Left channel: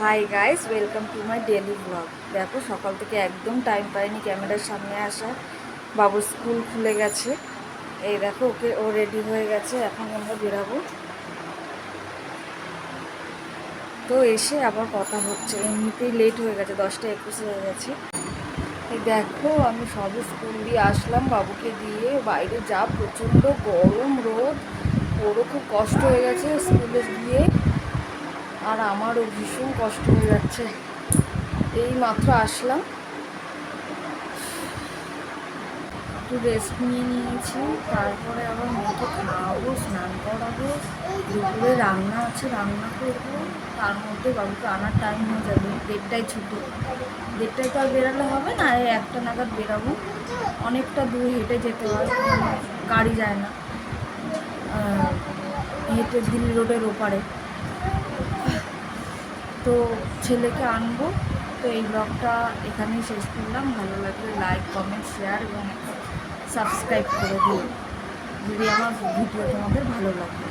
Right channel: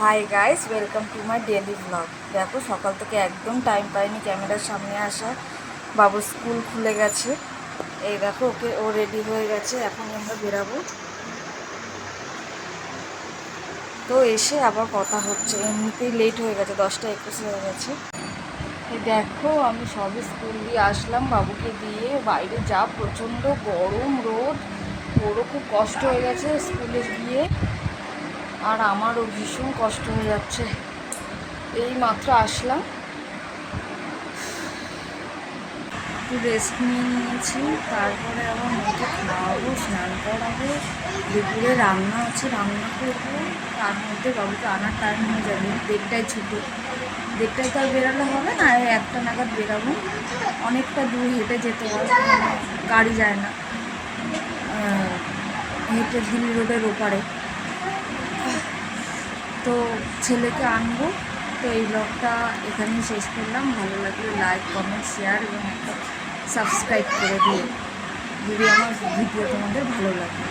Hi guys, welcome to my daily blog. দেখো সকাল থেকে একদম টাইম পাইনি ক্যামেরার সামনে আসা। বাবুর স্কুল খুলে গেছে, এই দেখো ও রেডি হয়ে গেছে, এখন আমরা বেরাবো। তো এসে আবার কথা হচ্ছে, এমনিতেই লেট হয়ে গেছে, 10টা 21 হয়ে গেছে। এই দেখো আমি সবে স্কুল দিয়ে আসলাম, বাবুকে দিয়ে বাইরে যা প্রচণ্ড গরম রোদ, ওরও খুব কষ্ট হয়ে গেছে স্কুলে গিয়ে, আর আমারও ভীষণ কষ্ট হয়ে যাচ্ছে। এই মাত্র আসলাম, একটু রেস্ট নিয়ে নিয়েছি, তারপরে আবার মেয়েকে খাওয়াবো, স্নান করাবো, দুপুরে রান্না আছে, রান্না করবো। তার মধ্যে বাবুকে আনার টাইম হয়ে যাবে, 1টায় ছুটি, 1টায় তো আর বেরোলে হবে না, 1টা নাগাদ বেরাবো। অনেকটা দূর হেঁটে যেতে হয়, গাড়ি যায় না, হেঁটে দিল্লি রোডের ওপারে। তো ছেলেকে আনবো। তো এই ব্লগটা এখানেই শেষ করলাম। ভালো লাগলে লাইক, কমেন্ট, শেয়ার এবং একটা সাবস্ক্রাইব করে দিও যদি আমার ভিডিও তোমাদের ভালো লাগে।